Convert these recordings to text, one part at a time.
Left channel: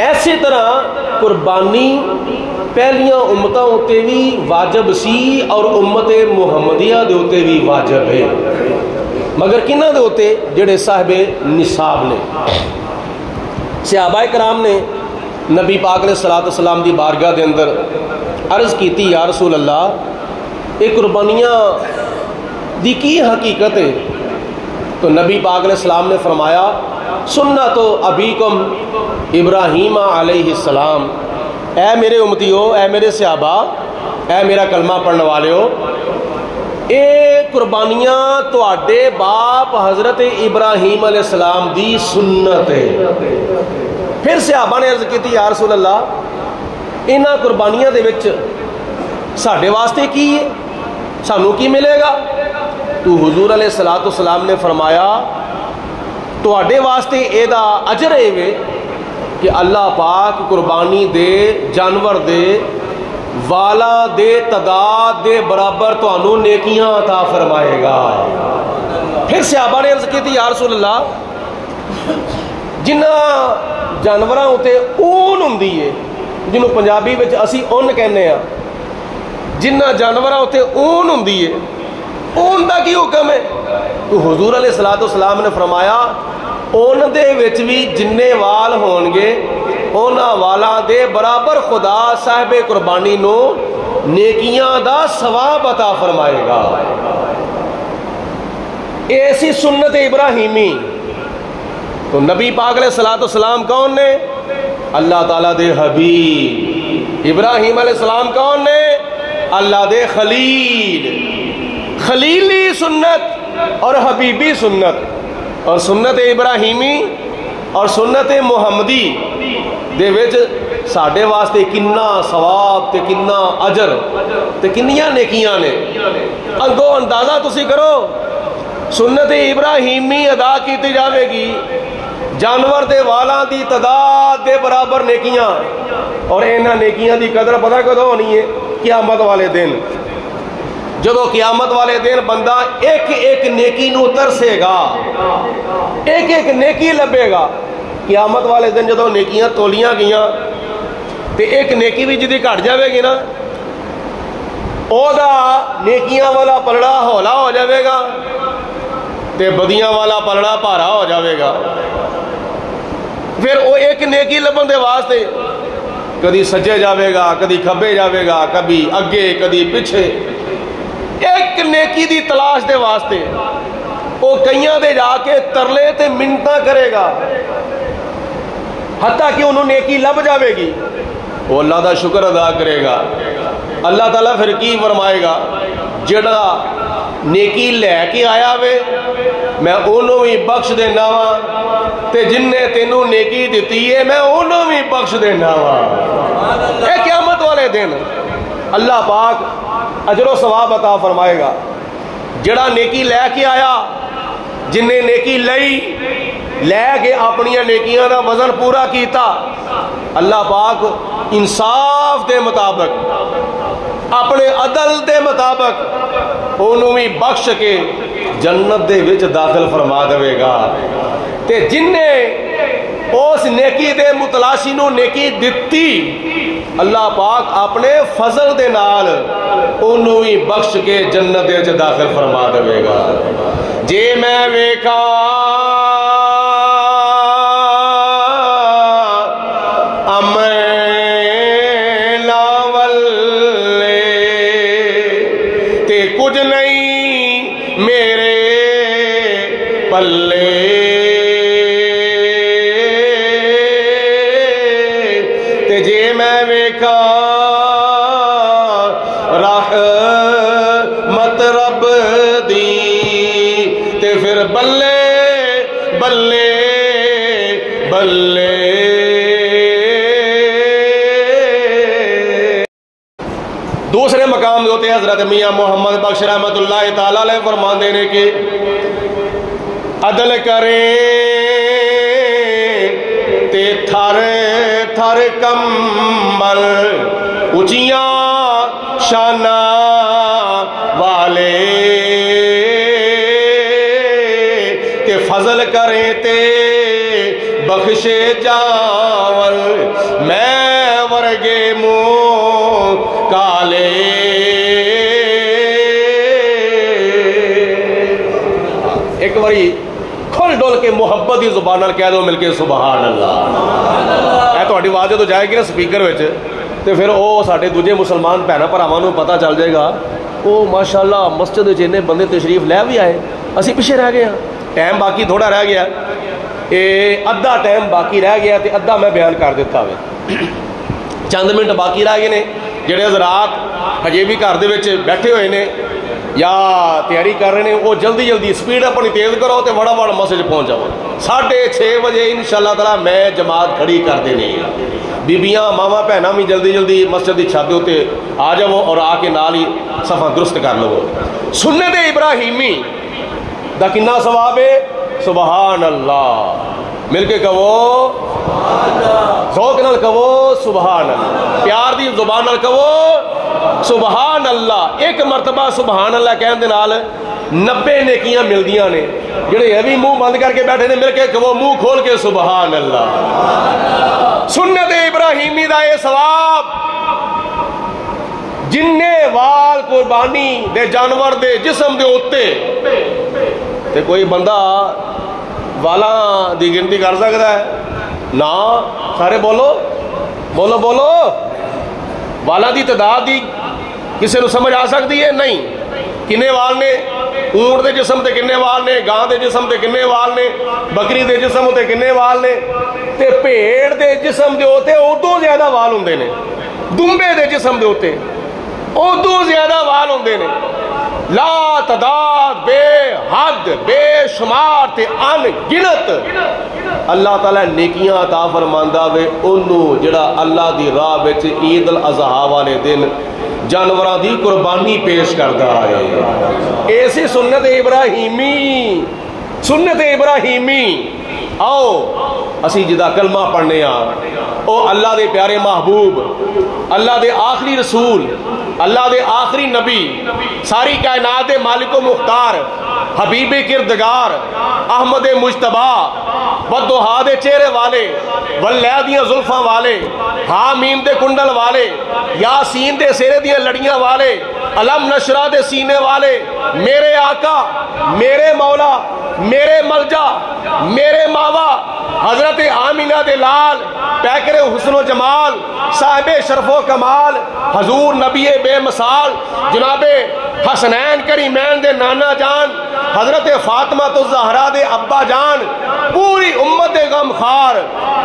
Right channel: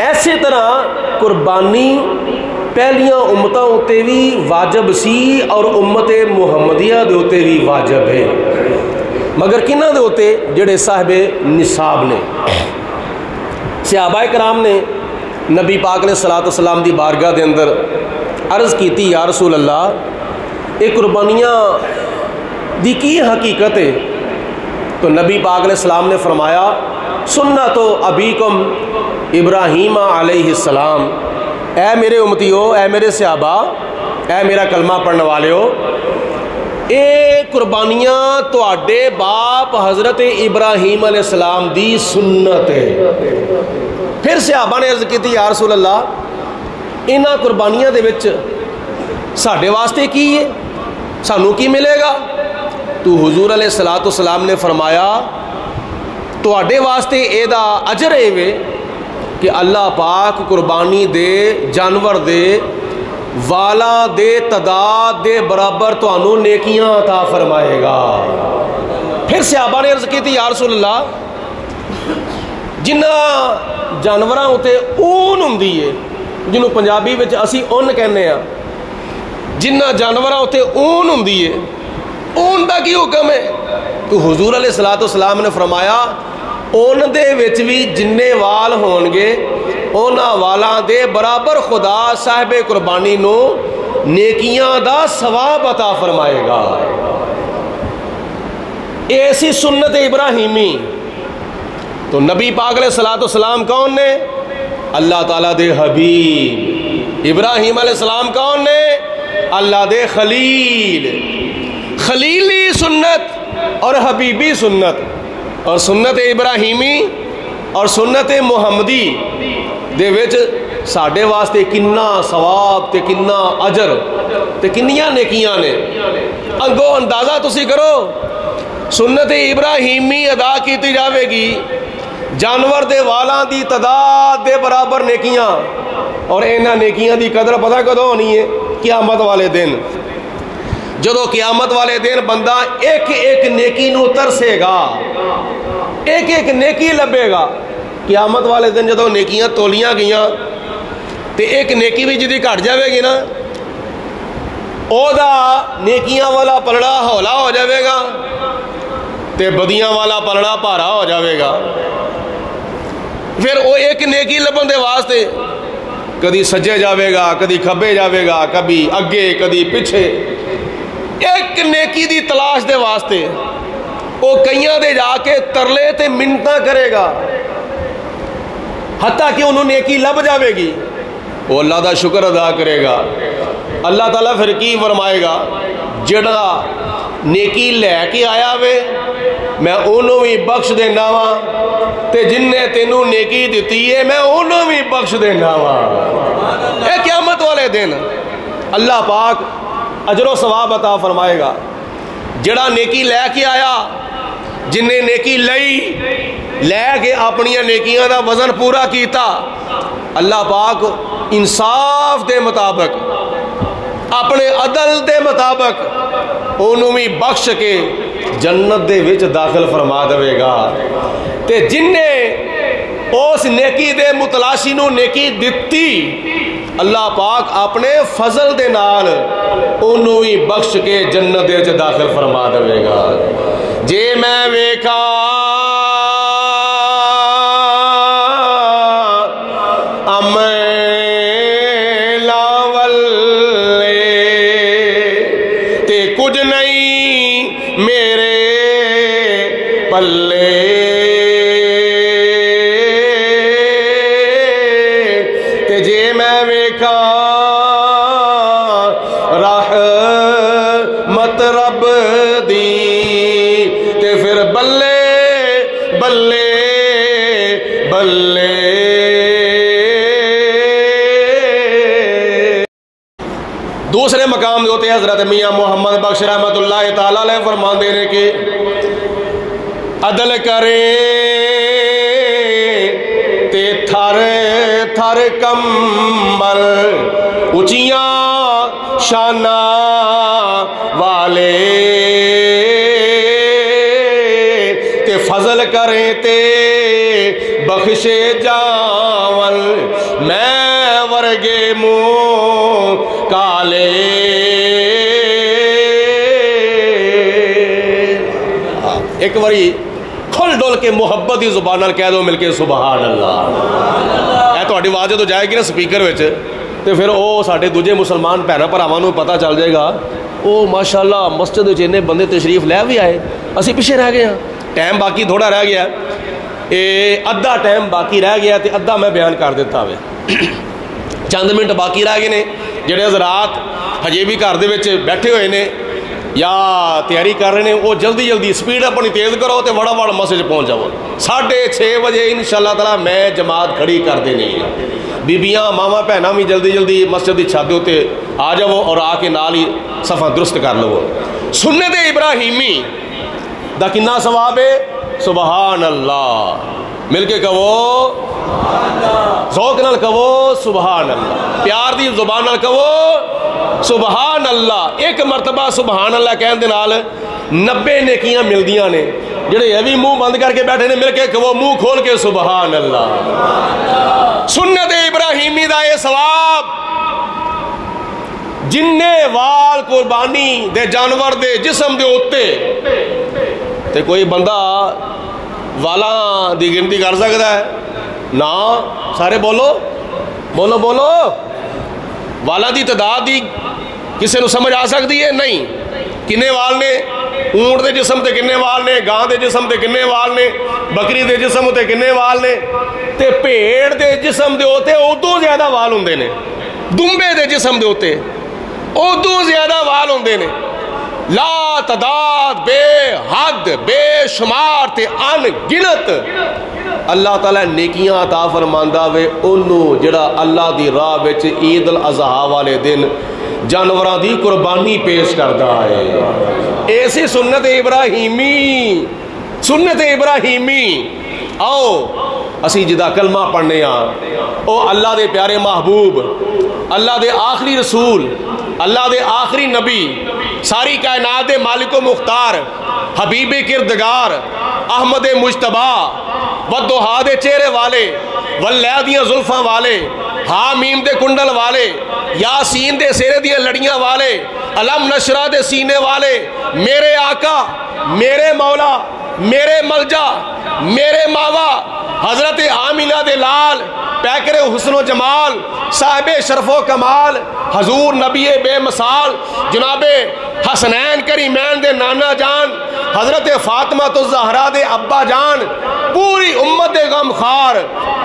ایسے طرح قربانی پہلیاں امتاں اتے بھی واجب سی اور امت محمدیہ دے اتے بھی واجب ہے، مگر کنہ دے اتے جڑے صاحب نصاب نے۔ صحابہ کرام نے نبی پاک علیہ الصلوۃ والسلام دی بارگاہ دے اندر عرض کیتی، یا رسول اللہ یہ قربانیاں دی کی حقیقت ہے؟ تو نبی پاک علیہ السلام نے فرمایا، سنت ابیکم ابراہیم علیہ السلام، اے میرے امتیو، اے میرے صحابہ، اے میرا کلمہ پڑھنے والے ہو، اے قربانیاں تواڈے باپ حضرت ابراہیم علیہ السلام دی سنت ہے۔ پھر صحابہ نے عرض کی، یا رسول اللہ انہاں قربانیاں دے وچ ساڈے واسطے کی ہے، سانوں کی ملے گا؟ تو حضور علیہ الصلوۃ والسلام نے فرمایا، تواڈے واسطے اے دا اجر ہے کہ اللہ پاک قربانی دے جانور دے والا دے تعداد دے برابر تانوں نیکیاں عطا فرمائے گا۔ پھر صحابہ نے عرض کی تھی، یا رسول اللہ جنہ جانوراں اتے اون ہوندی ہے، جنہوں پنجابی وچ اسی اون کہنے ہیں، جنہ جانوراں اتے اون ہوندی ہے، اون دا کی حکم ہے؟ تو حضور علیہ الصلوۃ والسلام نے فرمایا، اون دے وچ بھی جننے وال ہون گے اونا والا دے برابر خدا صاحب قربانی نو نیکیاں دا ثواب عطا فرمائے گا۔ ایسی سنت ابراہیمی۔ تو نبی پاک علیہ الصلوۃ والسلام کون نے؟ اللہ تعالیٰ دے حبیب۔ ابراہیم علیہ السلام کون نے؟ اللہ دے خلیل۔ خلیلی سنت اور حبیبی سنت، اور سنت ابراہیمی اور سنت محمدی دے وچ ساڈے واسطے کنا ثواب تے کنا اجر تے کنیاں نیکیاں نے۔ اگوں اندازہ تسی کرو، سنت ابراہیمی ادا کیتی جاوے گی، جانور دے والاں دی تعداد دے برابر نیکیاں، اور انہاں نیکیاں دی قدر پتہ کدوں ہونی ہے؟ قیامت والے دن۔ جدو قیامت والے دن بندہ ایک ایک نیکی نو ترسے گا، ایک ایک نیکی لبے گا۔ قیامت والے دن جدو نیکیاں تولیاں گئیاں تے ایک نیکی بھی جدی گھٹ جاوے گی نا، او دا نیکیاں والا پلڑا ہولا ہو جاوے گا تے بدیاں والا پلڑا بھارا ہو جاوے گا۔ پھر وہ ایک نیکی لبن دے واسطے کدی سجے جاوے گا، کدی کھبے جاوے گا، کبھی اگے کدی پیچھے، ایک نیکی دی تلاش دے واسطے وہ کئیاں دے جا کے ترلے تے منتاں کرے گا، حتیٰ کہ انہوں نیکی لب جاوے گی، وہ اللہ دا شکر ادا کرے گا۔ اللہ تعالیٰ پھر کی فرمائے گا، جڑا نیکی لے کے آیا وے میں انہوں بھی بخش دینا وا، تے جن نے تینوں نیکی دیتی ہے میں انہوں بھی بخش دینا وا۔ اے قیامت والے دن اللہ پاک اجر و ثواب عطا فرمائے گا۔ جڑا نیکی لے کے آیا، جن نے نیکی لے کے اپنی نیکیاں دا وزن پورا کیتا، اللہ پاک انصاف دے مطابق اپنے عدل دے مطابق انہوں بھی بخش کے جنت دے وچ داخل فرما دے گا۔ تے جن نے اس نیکی دے متلاشی نو نیکی دتی، اللہ پاک اپنے فضل دے نال انہوں ہی بخش کے جنت دے وچ داخل فرما دے گا۔ جے میں ویکھا کچھ نہیں میرے پلے، تے جے میں ویکھا رحمت رب دی، تے پھر بلے بلے بلے۔ دوسرے مقام ہوتے حضرت میاں محمد بخش رحمت اللہ تعالیٰ علیہ فرماندے نے کہ عدل کرے تے تھر تھر کمبل اچیاں شانہ والے، تے فضل کرے تے بخشے جاور میں ورگے منہ کالے ایک باری کھل ڈول کے محبت کی زبان نال کہہ دو مل کے سبحان اللہ. اے تہاڈی آواز تو جائے گی نا سپیکر وچ تے پھر وہ سارے دوجے مسلمان بھੈਣਾਂ ਭਰਾਵਾਂ ਨੂੰ پتہ چل جائے گا وہ ماشاء اللہ مسجد وچ اننے بندے تشریف لے بھی آئے اسی پیچھے رہ گئے ہیں ٹائم باقی تھوڑا رہ گیا ادھا ٹائم باقی رہ گیا تے ادھا میں بیان کر دیتا ہوئے چند منٹ باقی رہ گئے نے جڑے حضرات ہجے بھی گھر دے وچ بیٹھے ہوئے نے یا تیاری کر رہے ہیں وہ جلدی جلدی سپیڈ اپنی تیز کرو تو وڑا وڑ مسجد پہنچ جاؤ 6:30 بجے انشاءاللہ تعالی میں جماعت کھڑی کر دینی ہے بیبیاں ماما بھੈਣਾਂ بھی جلدی جلدی مسجد کی چھت تے آ جاؤ اور آ کے نال ہی صفا درست کر لو سنت ابراہیمی دا کنا ثواب ہے سبحان اللہ مل کے کہو ذوق نال کہو سبحان اللہ پیار دی زبان نال کہو سبحان اللہ ایک مرتبہ سبحان اللہ کہن دے نال 90 نیکیاں ملدیاں نے جڑے یہ بھی منہ بند کر کے بیٹھے نے مل کے کہو منہ کھول کے سبحان اللہ سنت ابراہیمی دا اے ثواب جننے وال قربانی دے جانور دے جسم دے اوتے تے کوئی بندہ والاں دی گنتی کر سکتا ہے نا سارے بولو بولو بولو والاں دی تعداد دی کسے نو سمجھ آ سکتی ہے نہیں کنے وال نے اونٹ دے جسم تے کنے وال نے گاں دے جسم تے کنے وال نے بکری دے جسم تے کنے وال نے تے بھیڑ دے جسم دے ہوتے ادو زیادہ وال ہوندے نے دمبے دے جسم دے ہوتے ادو زیادہ وال ہوندے نے لا تعداد بے حد بے شمار تے ان گنت اللہ تعالیٰ نیکیاں عطا فرماندا وے انہوں جڑا اللہ دی راہ وچ عید الاضحیٰ والے دن جانوراں دی قربانی پیش کردا ہے ایسی سنت ابراہیمی آؤ اسی جدا کلمہ پڑھنے او اللہ دے پیارے محبوب اللہ دے آخری رسول اللہ دے آخری نبی ساری کائنات دے مالک و مختار حبیب کردگار احمد مجتبی والضحیٰ دے چہرے والے واللیل دیاں زلفاں والے حامیم دے کنڈل والے یاسین دے سیرے دیاں لڑیاں والے علم نشرہ دے سینے والے میرے آقا میرے مولا میرے ملجا میرے ماوا حضرت آمینہ دے لال پیکر حسن و جمال صاحب شرف و کمال حضور نبی بے مثال جناب حسنین کریمین دے نانا جان حضرت فاطمہ الزہرا دے ابا جان پوری امت غم خار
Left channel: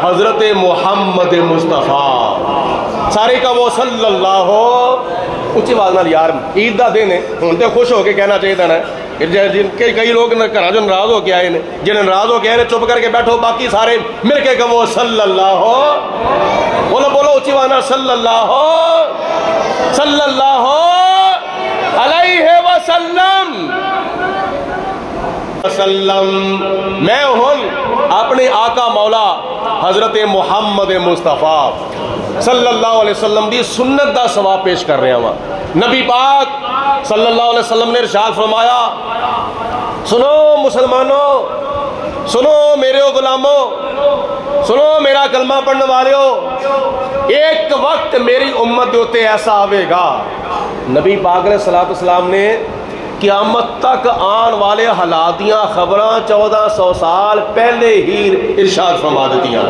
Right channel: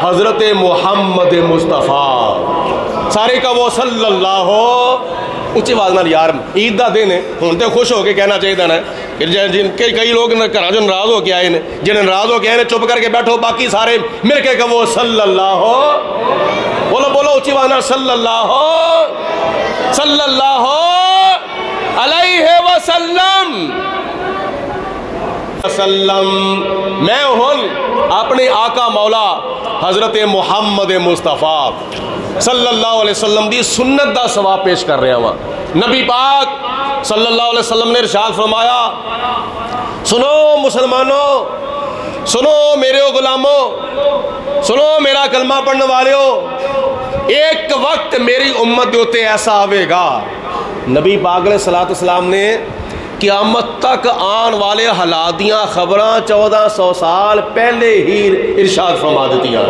حضرت محمد مصطفیٰ سارے کا وہ صلی اللہ ہو اچھی آواز نال یار عید دا دن ہے ہن تے خوش ہو کے کہنا چاہیے نا جن کے کئی لوگ گھر جو ناراض ہو کے آئے نے جنہیں ناراض ہو کے آئے چپ کر کے بیٹھو باقی سارے مل کے کہو صلی اللہ ہو بولو بولو اچھی آواز نال صلی اللہ علیہ وسلم میں ہوں اپنے آقا مولا حضرت محمد مصطفیٰ صلی اللہ علیہ وسلم دی سنت دا ثواب پیش کر رہے ہیں نبی پاک صلی اللہ علیہ وسلم نے ارشاد فرمایا سنو مسلمانوں سنو میرے غلاموں سنو میرا کلمہ پڑھنے والوں ایک وقت میری امت ہوتے ایسا آوے گا نبی پاک علیہ السلام نے قیامت تک آن والے حالات دیاں خبراں 1400 سال پہلے ہی ارشاد فرما دیتی ہیں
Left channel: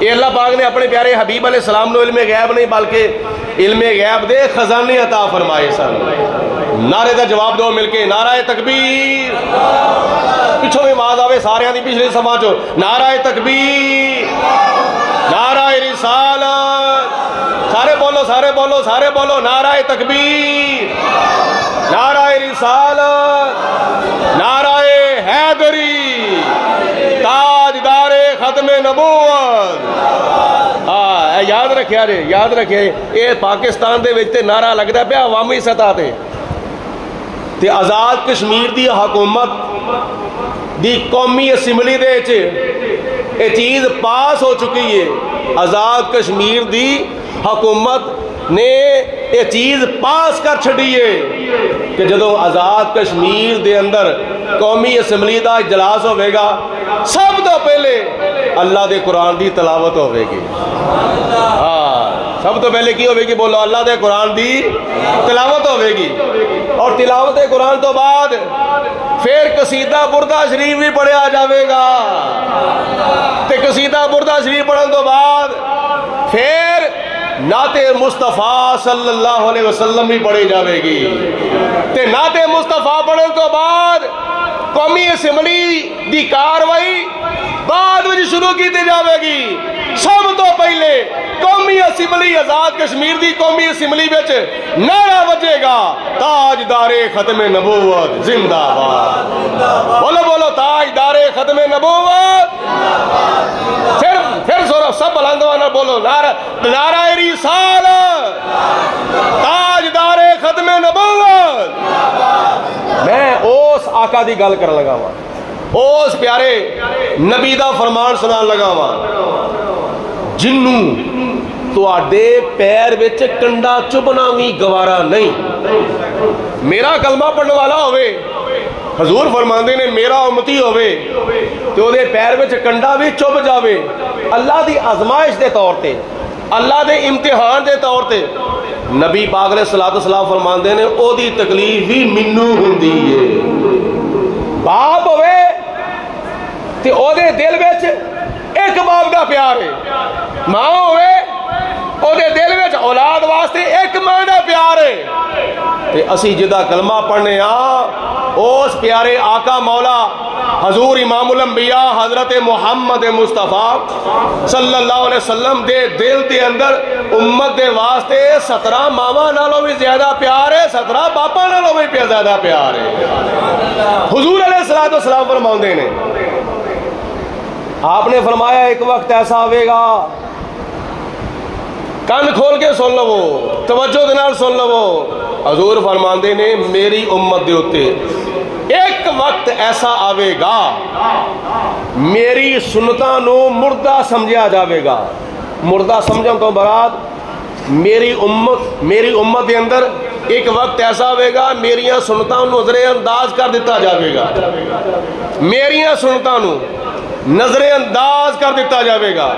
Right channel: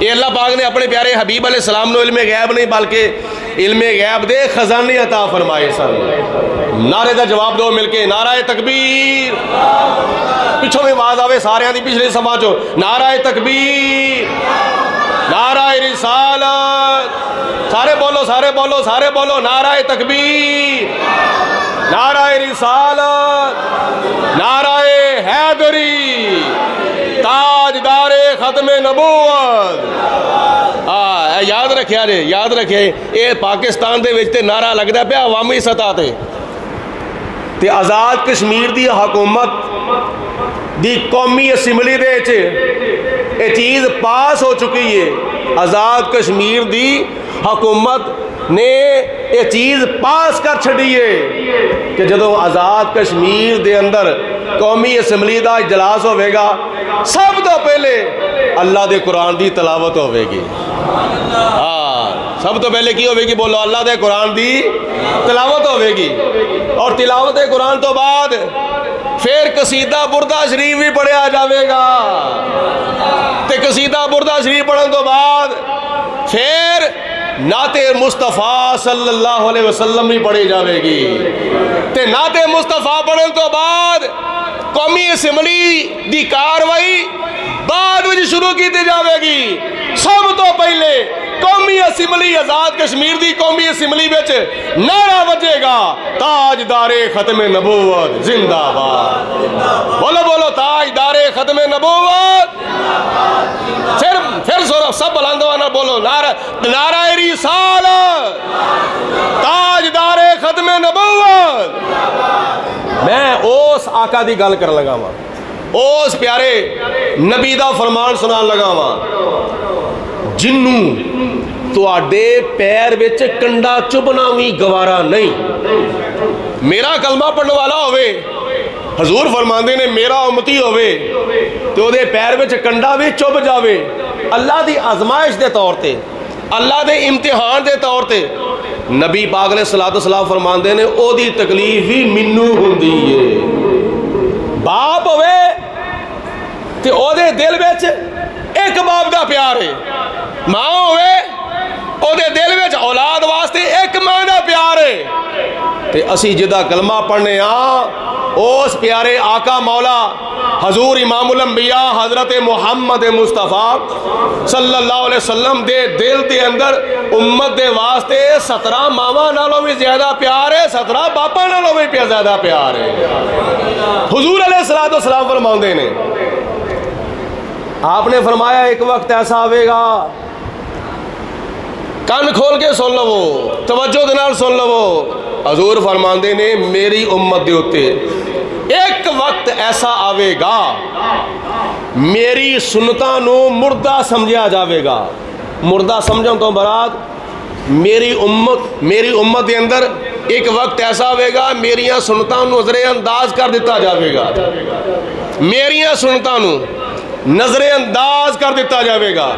یہ اللہ پاک نے اپنے پیارے حبیب علیہ السلام نے علم غیب نہیں بلکہ علم غیب دے خزانے عطا فرمائے سن نعرے کا جواب دو مل کے نعرہ تکبیر پیچھوں میں آواز آوے سارے دی پچھلے سماجو نعرہ تکبیر نعرہ رسالت سارے بولو نعرہ تکبیر نعرہ رسالت نعرہ حیدری تاجدار ختم نبوت یاد رکھیا یہ پاکستان دے وچ تے نعرہ لگدا پیا عوامی سطح تے آزاد کشمیر دی حکومت دی قومی اسمبلی دے وچ یہ چیز پاس ہو چکی ہے آزاد کشمیر دی حکومت نے یہ چیز پاس کر چھڑی ہے کہ جدو آزاد کشمیر دے اندر قومی اسمبلی دا اجلاس ہوئے گا سب تو پہلے اللہ دے قرآن دی تلاوت ہوئے گی. سب تو پہلے کی ہوئے گی؟ بولو اللہ دے قرآن دی تلاوت ہوئے گی. اور تلاوت قرآن تو بعد پھر قصیدہ بردہ شریف بھی پڑھیا جاوے گا. تے قصیدہ بردہ شریف پڑھن تو بعد پھر نعت مصطفیٰ صلی اللہ علیہ وسلم بھی پڑھی جاوے گی. تے نعت مصطفیٰ پڑھن تو بعد قومی اسمبلی دی کاروائی بعد میں شروع کی جاوے گی. سب تو پہلے قومی اسمبلی آزاد کشمیر دی قومی اسمبلی وچ نعرہ بجے گا تاجدار ختم نبوت زندہ باد. بولو بولو تاجدار ختم نبوت. پھر سب بلندوانا بولو نعرہ رسالت تاجدار ختم نبوت. میں اس آقا دی گل کر لگا ہوا, اس پیارے نبی دا فرمان سنان لگا ہوا جنوں تو آڈے پیر بیچ کنڈا چبنا بھی گوارا نہیں. میرا کلمہ پڑھنے والا ہوئے, حضور فرماندے نے میرا امتی ہوئے تو دے پیر بیچ کنڈا بھی چب جاوے. اللہ دی آزمائش دے طور تے, اللہ دے امتحان دے طور تے نبی پاک علیہ السلام فرماندے نے او دی تکلیف بھی منو ہوندی ہے. باپ ہوئے تے او دے دل بیچ ایک باپ دا پیار ہے, ماں ہوئے او دے دل بیچ اولاد واسطے ایک ماں دا پیار ہے. تے اسی جدا کلمہ پڑھنے اس پیارے آقا مولا حضور امام الانبیاء حضرت محمد مصطفیٰ صلی اللہ علیہ وسلم دے دل دے اندر امت دے واسطے 17 ماما نالوں بھی زیادہ پیار ہے, 17 باپا نالوں بھی زیادہ پیار ہے. حضور علیہ السلام فرماؤندے نے, آپ نے فرمایا ایک وقت ایسا آئے گا, کان کھول کے سن لو, توجہ دے نال سن لو. حضور فرماندے نے میری امت دے ہوتے ایک وقت ایسا آئے گا میری سنتاں نو مردہ سمجھا جاوے گا. مردہ سمجھن تو برات میری امت دے اندر ایک وقت ایسا ہوئے گا میریاں سنتاں نظر انداز کر دیتا جاوے گا. میریاں سنتاں نظر انداز کر دیتا جاوے گا.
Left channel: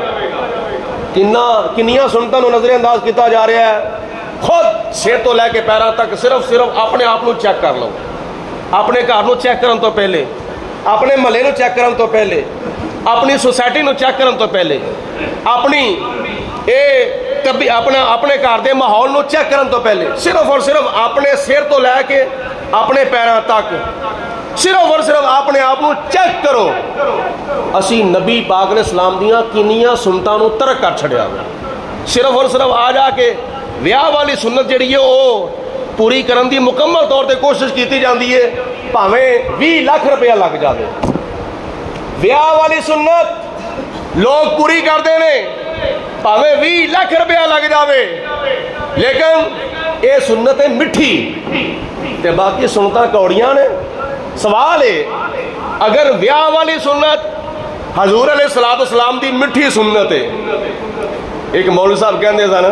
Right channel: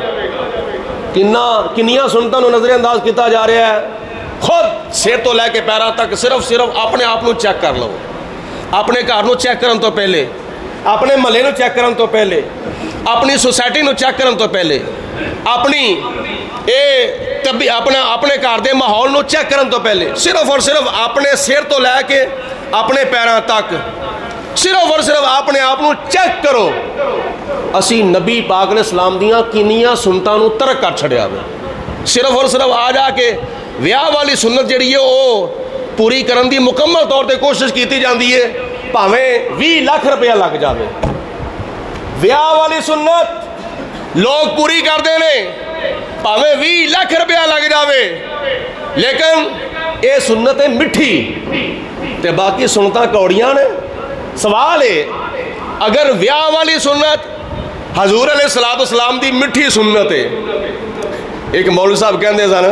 کنیاں سنتاں نظر انداز کیتا جا رہا ہے؟ خود سر تو لے کے پیروں تک صرف اپنے آپ نو چیک کر لو. اپنے گھر نو چیک کرن تو پہلے, اپنے محلے نو چیک کرن تو پہلے, اپنی سوسائٹی نو چیک کرن تو پہلے, اپنے گھر دے ماحول نو چیک کرن تو پہلے صرف اور صرف اپنے سر تو لے کے اپنے پیروں تک صرف اور صرف اپنے آپ نو چیک کرو. اسی نبی پاک علیہ السلام دیاں کنیاں سنتاں نو ترک کر چھڑیا گیا. صرف اور صرف آ جا کے ویاہ والی سنت جڑی ہے وہ پوری کرن دی مکمل طور تے کوشش کیتی جاندی ہے, بھاویں 20 لاکھ روپیہ لگ جاوے. ویاہ والی سنت لوگ پوری کرتے ہیں بھاویں 20 لاکھ روپیہ لگ جاوے, لیکن اے سنت ہے مٹھی تے باقی سنتاں کوڑیاں نے. سوال ہے اگر ویاہ والی سنت حضور علیہ السلام دی مٹھی سنت ہے, ایک مولوی صاحب کہندے سن,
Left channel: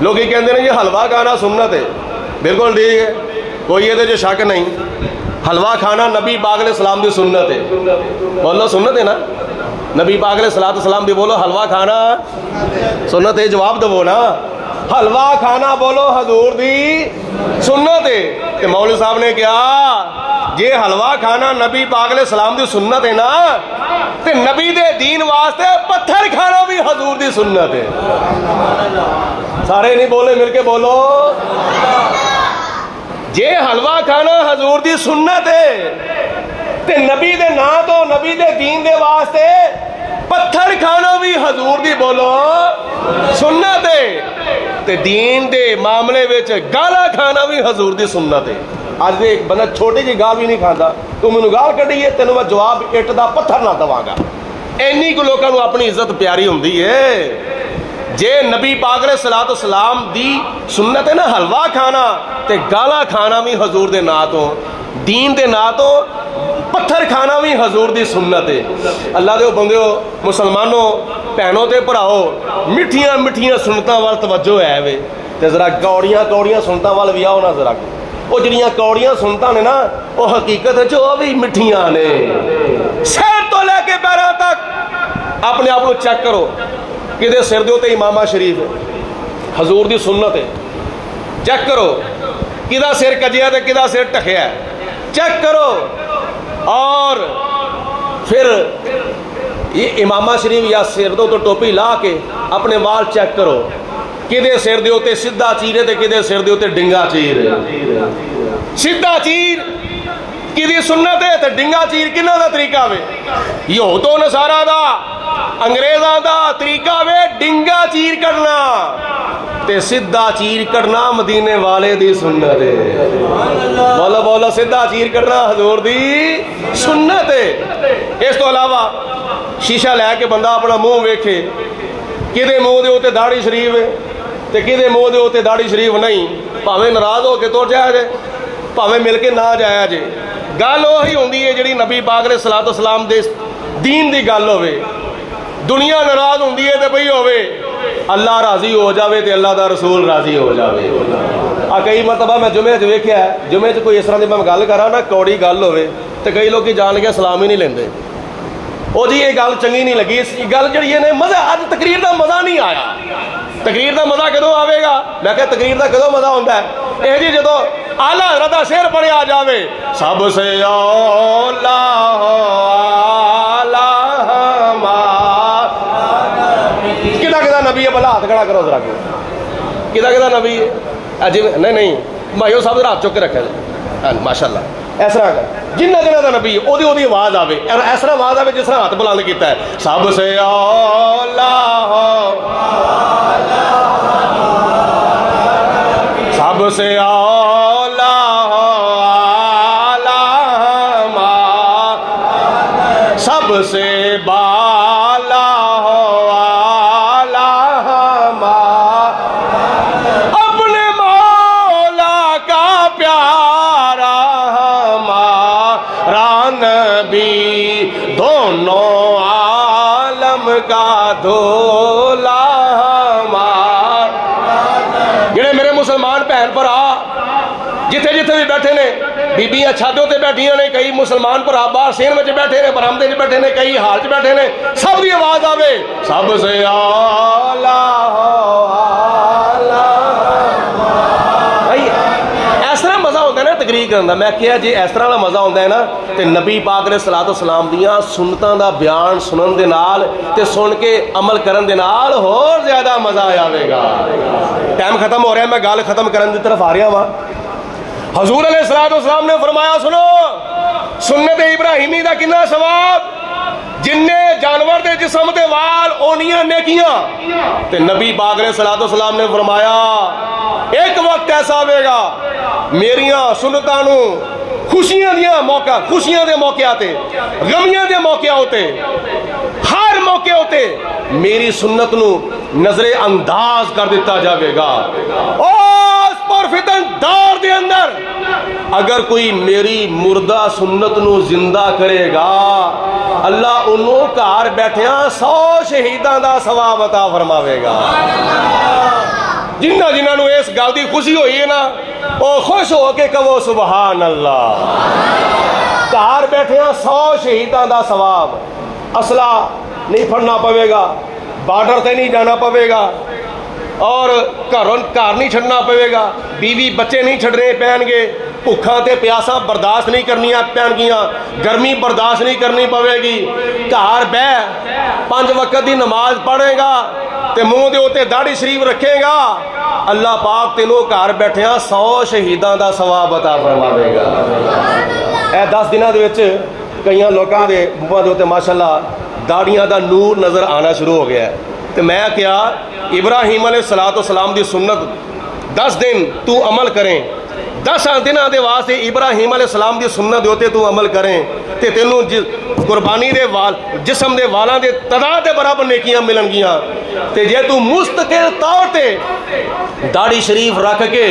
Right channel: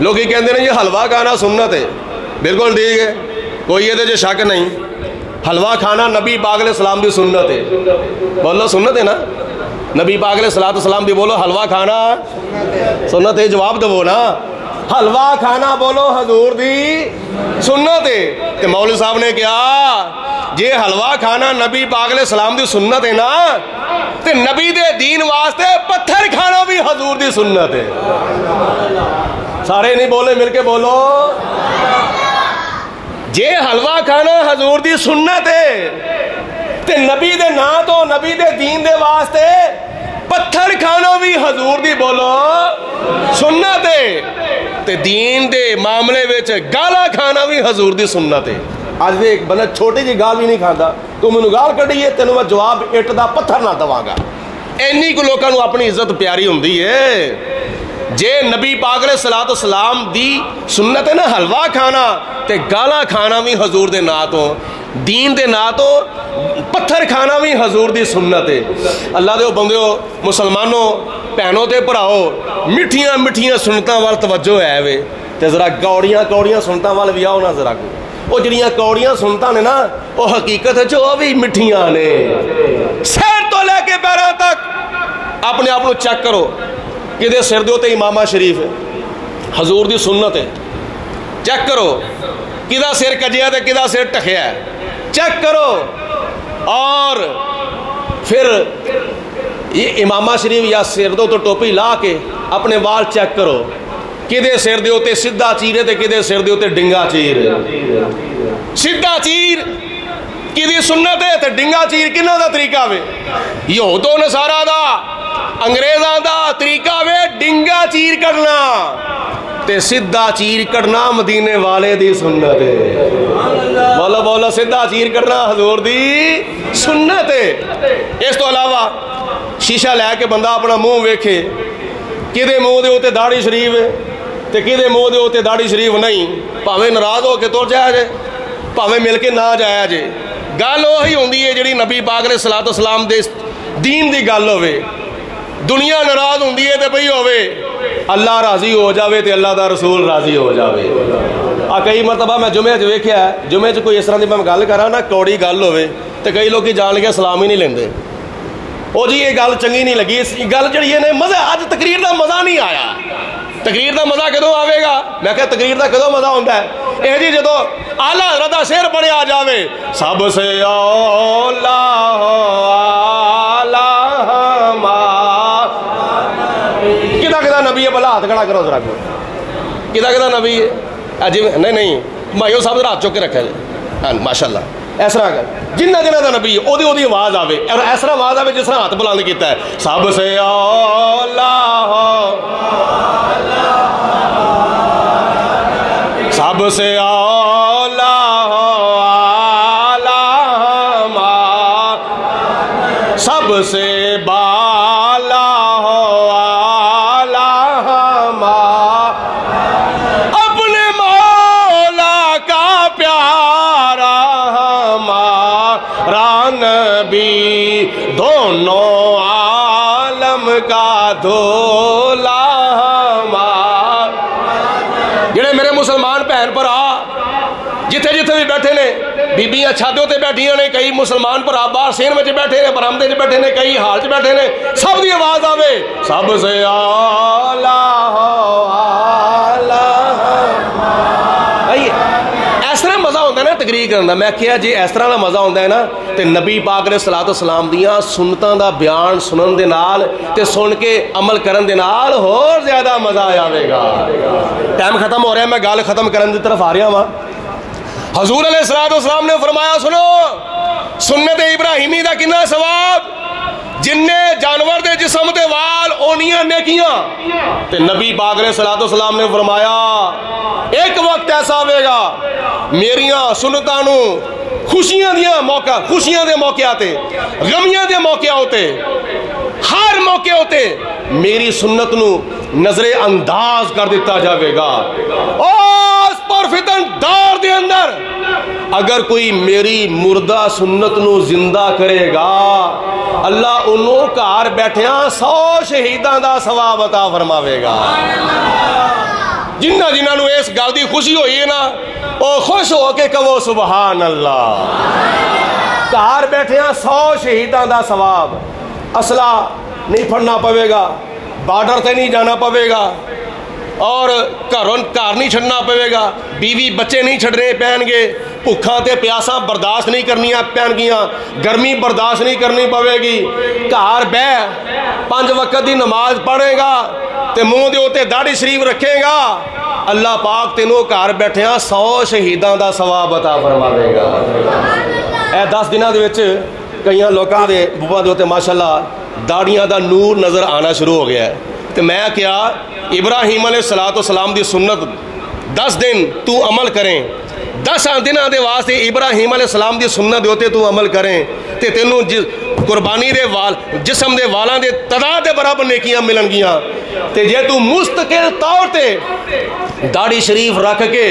لوگ ہی کہندے ہیں یہ حلوہ کھانا سنت ہے. بالکل ٹھیک ہے, کوئی یہ جو شک نہیں. حلوہ کھانا نبی پاک علیہ السلام دی سنت ہے. بولو سنت ہے نا, نبی پاک علیہ السلام دی بولو حلوہ کھانا سنت ہے. جواب دو نا, حلوہ کھانا بولو حضور دی سنت ہے. کہ مولوی صاحب نے کہا جی حلوہ کھانا نبی پاک علیہ السلام دی سنت ہے نا, تے نبی دے دین واسطے پتھر کھانا بھی حضور دی سنت ہے. سارے نہیں بولے, مل کے بولو. جے حلوہ کھانا حضور دی سنت ہے تے نبی دے نا تو نبی دے دین دے واسطے پتھر کھانا بھی حضور دی بولو سنت ہے. تے دین دے معاملے وچ گالا کھانا بھی حضور دی سنت ہے. آج بھی ایک بندہ چھوٹی جی گال بھی نہیں کھاتا, تو مینوں گال کڈی ہے تینوں میں جواب اٹ دا پتھر نہ دواں گا. اینی کو لوکاں نوں اپنی عزت پیاری ہوندی ہے. جے نبی پاک علیہ السلام دی سنت ہے نا حلوہ کھانا, تے گالا کھانا بھی حضور دے نا تو, دین دے نا تو پتھر کھانا بھی حضور دی سنت ہے. اللہ دے بندیو مسلمانوں بہنوں تے بھراؤ, مٹھیاں مٹھیاں سنتاں وال توجہ ہے وے, تے ذرا کوڑیاں سنتاں وال بھی آؤ نا ذرا. وہ جڑیاں کوڑیاں سنتاں نے نا وہ حقیقت ہے جو بھی مٹھیاں نے. سر تو لے کے پیروں تک اپنے آپ کو چیک کرو کہ سر دے تے امامہ شریف حضور دی سنت ہے، چیک کرو کدا سر کجیا تے کدا سر ٹکیا ہے، چیک کرو. اور پھر یہ امامہ شریف یا سر دے تو ٹوپی لا کے اپنے وال چیک کرو کدے سر دے تے سیدھا چیرے تے کدے سر دے تے ڈنگا چیر. سیدھا چیر کدی سنت ہے تے ڈنگا چیر کنہ دا طریقہ وے؟ یہود و نصارا دا انگریزاں دا طریقہ وے ڈنگا چیر کرنا تے سیدھا چیر کرنا مدینے والے دی سنت ہے. مولا مولا سیدھا چیر کرنا حضور دی سنت ہے. اس تو علاوہ شیشہ لے کے بندہ اپنا منہ ویکھے کدے منہ دے اوتے داڑھی شریف ہے تے کدے منہ دے اوتے داڑھی شریف نہیں، بھاویں ناراض ہو کے تر جایا جے بھاویں مل کے نہ جایا جے. گل وہی ہوندی ہے جڑی نبی پاک علیہ الصلوۃ والسلام دے دین دی گل ہوے. دنیا ناراض ہوندی ہے تے بھئی ہوے اللہ راضی ہو جاوے تے اللہ دا رسول راضی ہو جاوے. کئی مرتبہ میں جمعے چ ویکھیا ہے، جمعے چ کوئی اس طرح دی میں گل کراں نا کوڑی گل ہوے تے کئی لوگ جان کے سلام ہی نہیں لیندے. او جی یہ گل چنگی نہیں لگی، اس گل جڑی ہے مزہ اج تقریر دا مزہ نہیں آیا. تقریر دا مزہ کدوں آوے گا؟ میں کہ تقریر دا کدوں مزہ ہوندا ہے؟ اے جی جدوں اعلیٰ حضرت دا شعر پڑھیا جاوے سب سے اولا کدا کدا نبی ہے، بھلا ہاتھ کھڑا کرو ذرا. کدا کدا نبی ہے؟ جی نہیں مایو صاحب ذرا ہاتھ چک کے رکھا جائے. ہاں ماشاء اللہ اس طرح کر جنہ جنہ کا نبی ہے وہ آواز آوے اور اس طرح آواز آوے جس طرح ہاتھ بلند کیتا ہے سب سے اولا سب سے اولا سب سے بالا اپنے مولا کا پیارا ہمارا نبی دونوں عالم کا دھولا ہمارا. جڑے میرے مسلمان بہن بھرا جتھے جتھے بھی بیٹھے نے بیبیاں چھاتوں تے بیٹھیاں نے، کئی مسلمان بھرا باہر سین میں بیٹھے نے، برآمدے میں بیٹھے نے، کئی حال چ بیٹھے نے، سب دی آواز آوے سب سے اعلیٰ. اس طرح مزہ ہوتا ہے نا تقریر کرنے کا. میں کہا جی اس طرح کا مزہ ہوتا ہے نا تے نبی پاک علیہ الصلوۃ والسلام دیاں سنتاں دا بیان سنن دے نال تے سن کے عمل کرن دے نال ہور زیادہ مزہ آوے گا. ٹائم ختم ہو رہا ہے، میں گل ختم کرن دی طرف آ رہا ہاں. حضور علیہ الصلوۃ والسلام نے فرمایا سنو سنت ابراہیمی دا کنا ثواب جننے جانور دے جسم دے وال اونیاں نیکیاں. تے نبی پاک علیہ الصلوۃ والسلام نے فرمایا ایک وقت ایسا ہوئے گا میریاں سنتاں نو خوشیاں دے موقع آتے غمیاں دے موقع ہوتے ہر موقع ہوتے میری سنت نو نظر انداز کر دیتا جاوے گا. اس پر فتن دار دے اندر اگر کوئی میری مردہ سنت نو زندہ کرے گا اللہ انہوں کار بیٹھیاں 100 شہیداں دا ثواب عطا فرماوے گا. جنہ جنہوں نے اس گل دی خوشی ہوئی ہے نا وہ خوش ہو کے کہو سبحان اللہ. کار بیٹھے ہیں 100 شہیداں دا ثواب. اسلحہ نہیں پھڑنا پوے گا، بارڈر تے نہیں جانا پوے گا، اور گھر نہیں چھڑنا پوے گا، بیوی بچے نہیں چھڑنے پہن گے، بھوکھاں تے پیاساں برداشت نہیں کرنی پہن گیاں، گرمی برداشت نہیں کرنی پوے گی. گھر بہ 5 وقت دی نماز پڑھے گا تے منہ دے اوتے داڑھی شریف رکھے گا اللہ پاک تینوں گھر بیٹھیاں 100 شہیداں دا ثواب عطا فرماوے گا. اے 10 دنوں دے وچ کئی لوکاں دے منہاں دے اوتے ماشاءاللہ داڑیاں دا نور نظر آنا شروع ہو گیا ہے. تو میں کیا ابراہیم علیہ الصلوۃ والسلام دی سنت 10 دن تو عمل کریں 10 دنوں دے واسطے ابراہیم علیہ السلام دی سنت ہوتے تو عمل کریں تے تینوں قربانی دے وال جسم دے والاں دے تعداد دے برابر نیکیاں ملن گیاں. تے جے تو مستقل طور تے داڑھی شریف رکھ کے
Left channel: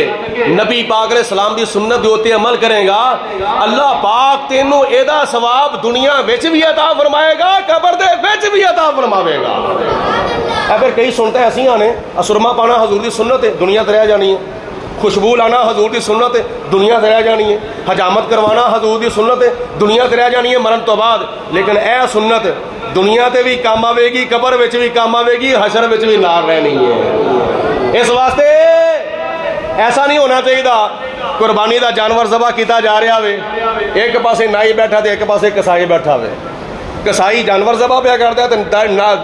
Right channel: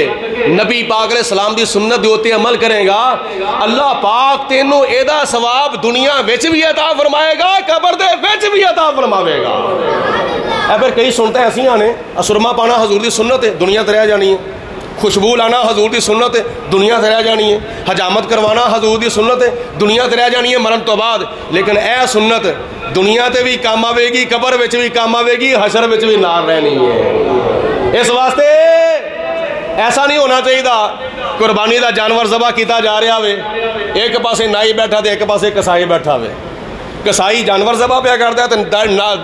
نبی پاک علیہ السلام دی سنت ہوتے عمل کرے گا اللہ پاک تینوں ایدا ثواب دنیا وچ بھی عطا فرمائے گا قبر دے وچ بھی عطا فرماوے گا. اگر کئی سنتا ایسی آنے سرما پانا حضور دی سنت ہے دنیا تے رہ جانی ہے، خوشبو لانا حضور دی سنت ہے دنیا تے رہ جانی ہے، حجامت کروانا حضور دی سنت ہے دنیا تے رہ جانی ہے مرن تو بعد. لیکن اے سنت دنیا تے بھی کام آوے گی، قبر وچ بھی کام آوے گی، حشر وچ بھی نال رہنی ہے۔ اس واسطے ایسا نہیں ہونا چاہیے قربانی دا جانور ذبح کیتا جا رہا ہوئے، ایک پاسے نائی بیٹھا تے ایک پاسے کسائی بیٹھا ہوئے، کسائی جانور ذبح پہ کرتا ہے تے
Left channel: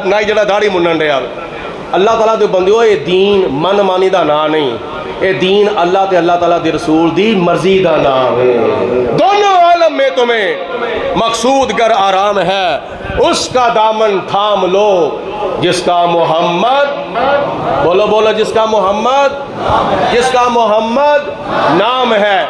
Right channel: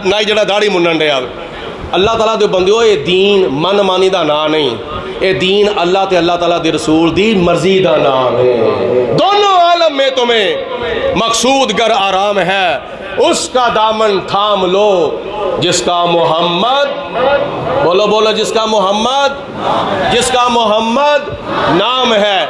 نائی جڑا داڑھی منن رہا ہوئے۔ اللہ تعالیٰ دے بندیو، یہ دین من مانی دا نام نہیں، یہ دین اللہ تے اللہ تعالیٰ دی رسول دی مرضی دا نام ہے۔ دونوں عالم میں تمہیں مقصود گر آرام ہے، اس کا دامن تھام لو جس کا محمد، بولو بولو، جس کا محمد نام ہے۔